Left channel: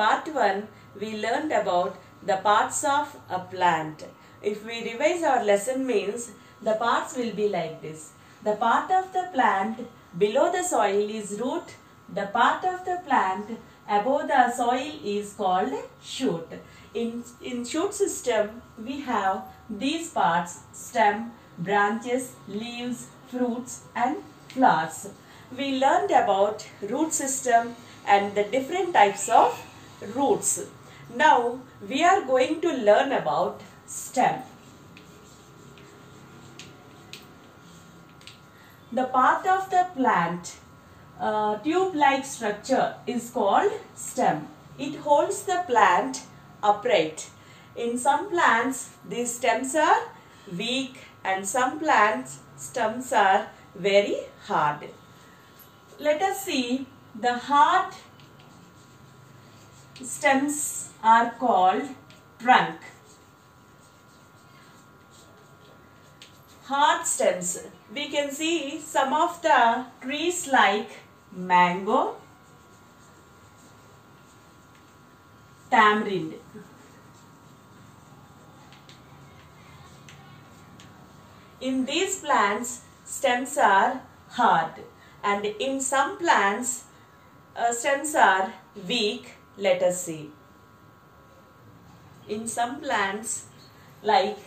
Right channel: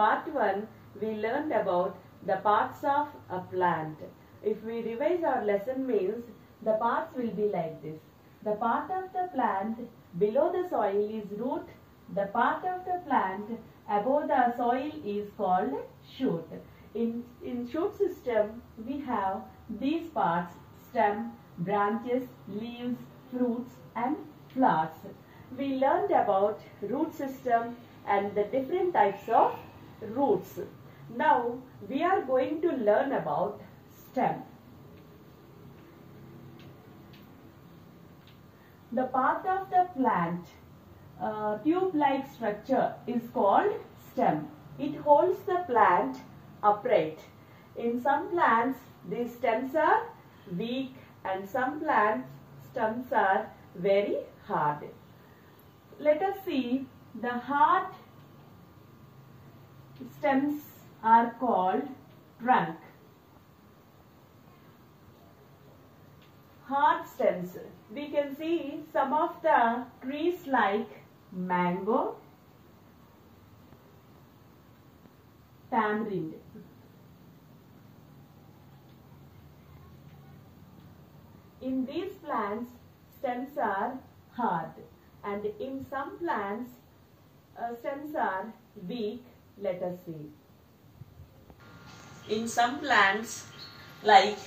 part 1 we learned about the parts of a plant. If we revise our lesson means the parts will be like this. The part of the plant below the soil is root. The part of the plant above the soil is called shoot. In shoot system we have these parts: stem, branches, leaves, fruits and flowers. We learned about root system and the different types of roots. Now we are going to learn about stem. The part of the plant tube-like structure is called stem. It holds the plant upright. In some plants these stems are weak and some plants stems are very hard. Let us see, the hard stems are called trunk. Hard stems. We can see some of the trees like mango, tamarind. In these plants, stems are hard, and in some plants, stems are weak. Let us see. In some plants like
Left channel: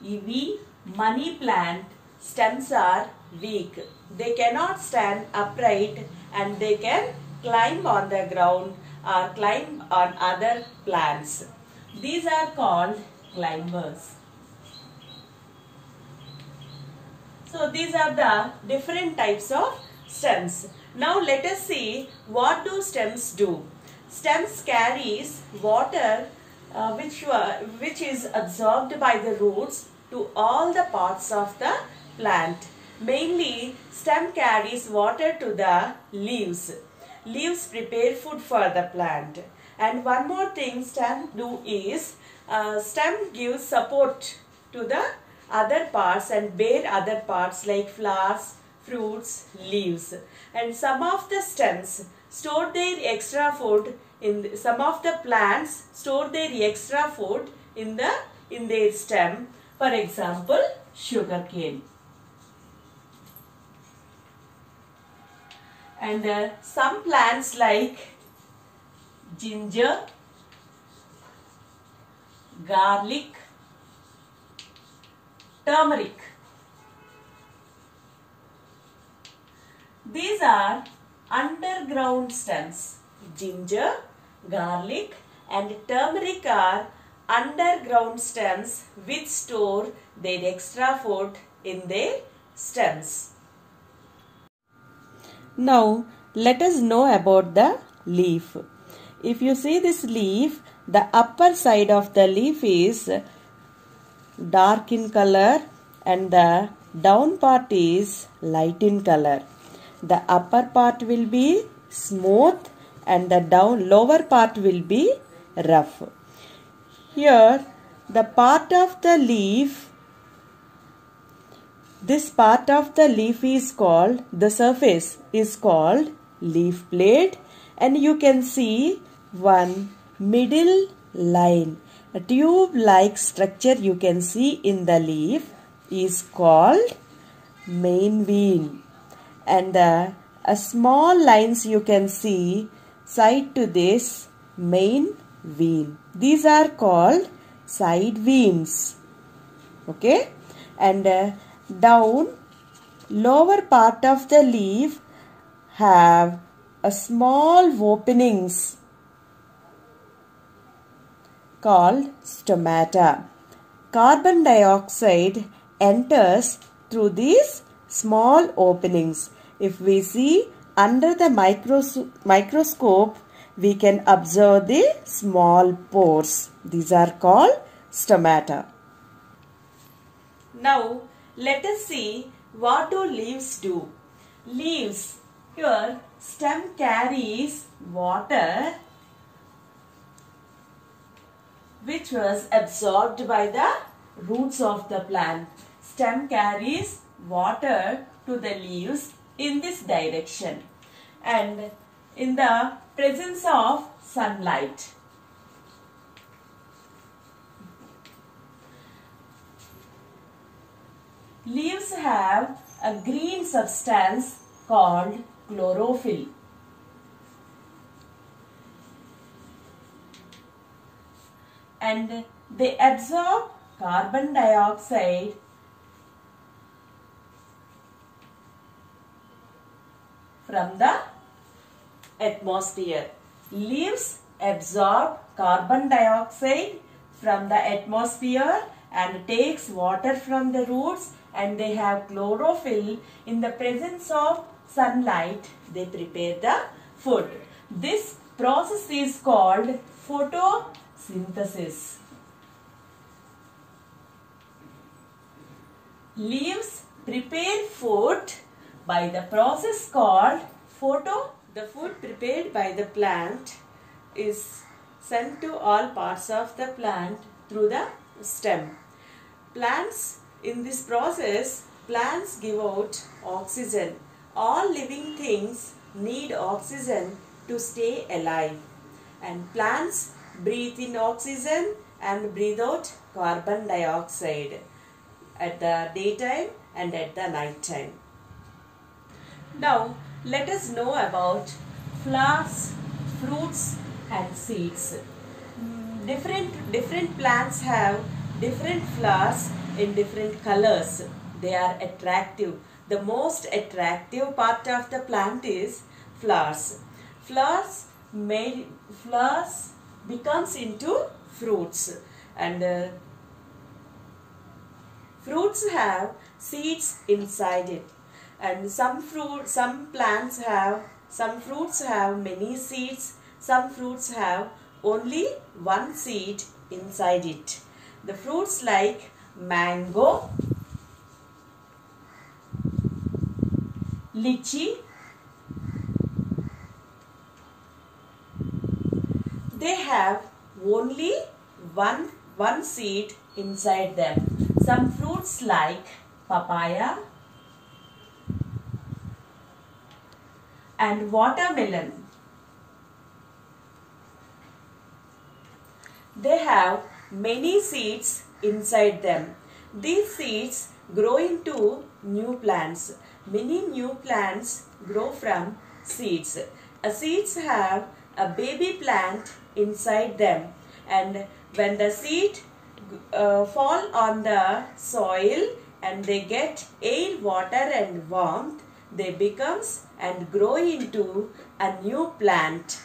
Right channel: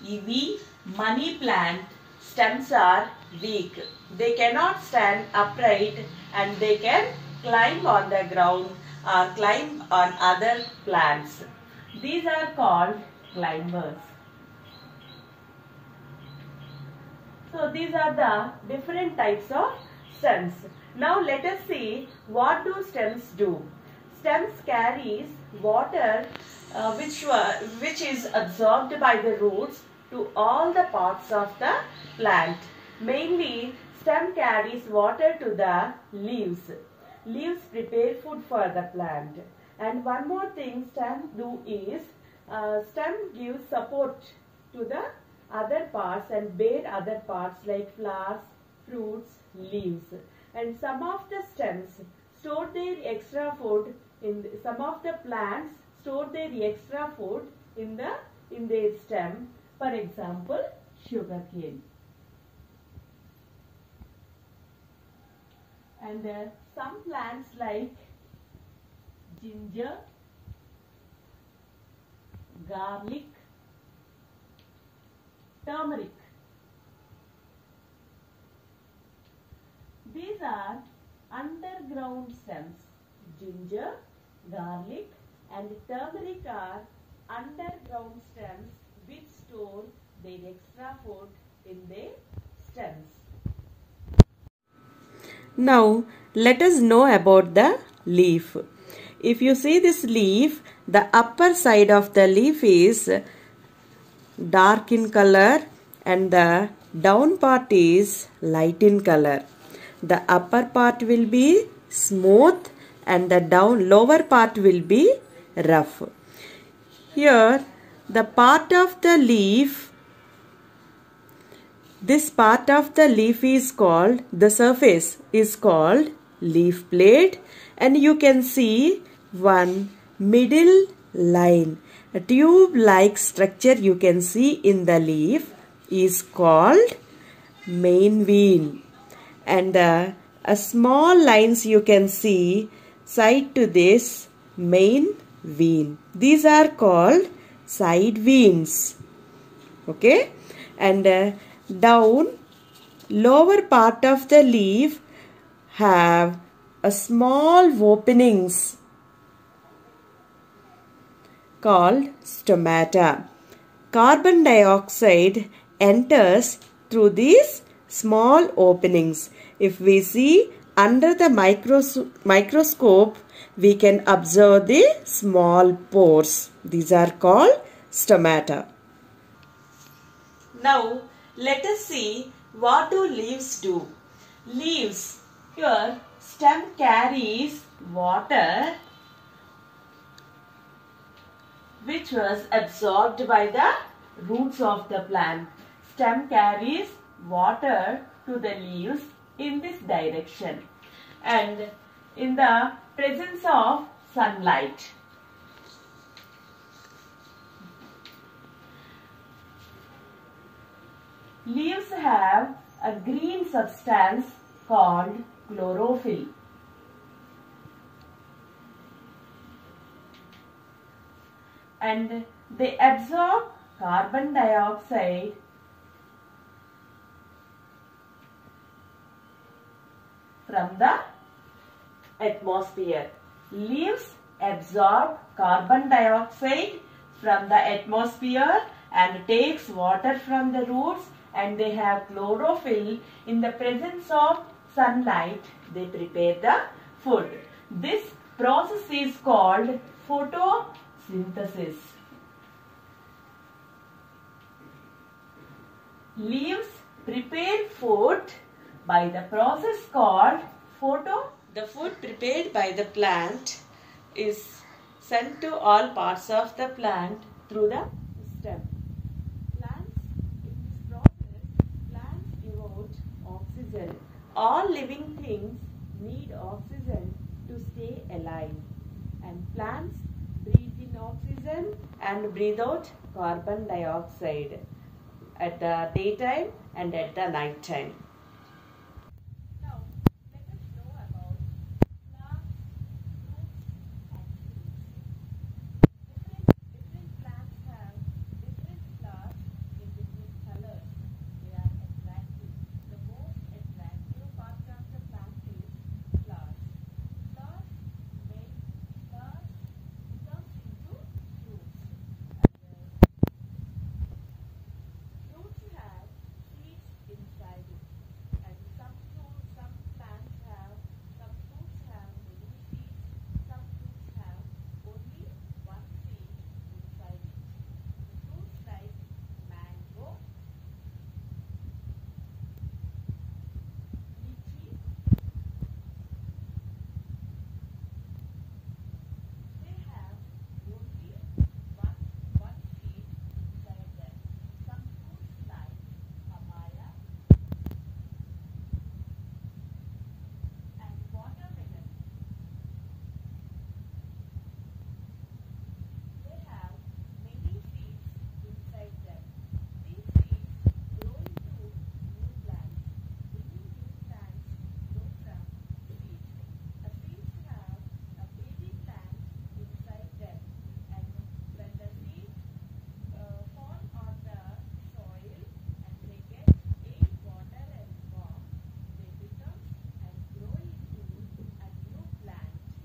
ivy, money plant, stems are weak. They cannot stand upright and they can climb on the ground or climb on other plants. These are called climbers. So these are the different types of stems. Now let us see, what do stems do? Stems carries water which is absorbed by the roots to all the parts of the plant. Mainly, stem carries water to the leaves. Leaves prepare food for the plant. And one more thing stem do is, stem gives support to the other parts and bear other parts like flowers, fruits, leaves. And some of the stems store their extra food in some of the plants store their extra food in their stem. For example, sugarcane. And some plants like ginger, garlic, turmeric. These are underground stems. Ginger, garlic and turmeric are underground stems which store their extra food in their stems. Now let us know about the leaf. If you see this leaf, the upper side of the leaf is dark in color and the down part is light in color. The upper part will be smooth and the lower part will be rough. Here the part of the leaf, this part of the leaf is called, the surface is called leaf blade, and you can see one middle line. A tube-like structure you can see in the leaf is called main vein, and a small lines you can see side to this main vein. These are called side veins. Okay, and down lower part of the leaf have a small openings called stomata. Carbon dioxide enters through these small openings. If we see under the microscope, we can observe the small pores. These are called stomata. Now let us see, what do leaves do? Leaves, here stem carries water which was absorbed by the roots of the plant. Stem carries water to the leaves in this direction, and in the presence of sunlight, Leaves have a green substance called chlorophyll. And they absorb carbon dioxide from the atmosphere. Leaves absorb carbon dioxide from the atmosphere and takes water from the roots, and they have chlorophyll. In the presence of sunlight, they prepare the food. This process is called photosynthesis. Leaves prepare food by the process called photo. The food prepared by the plant is sent to all parts of the plant through the stem. Plants, in this process, plants give out oxygen. All living things need oxygen to stay alive. And plants breathe in oxygen and breathe out carbon dioxide at the daytime and at the night time. Now, let us know about flowers, fruits and seeds. Different plants have different flowers in different colors. They are attractive. The most attractive part of the plant is flowers. Flowers becomes into fruits, and fruits have seeds inside it. And some fruits have many seeds. Some fruits have only one seed inside it. The fruits like mango, lychee, they have only one seed inside them. Some fruits like papaya and watermelon, they have many seeds inside them. These seeds grow into new plants. Many new plants grow from seeds. Seeds have a baby plant inside them, and when the seed fall on the soil and they get air, water and warmth, they becomes and grow into a new plant.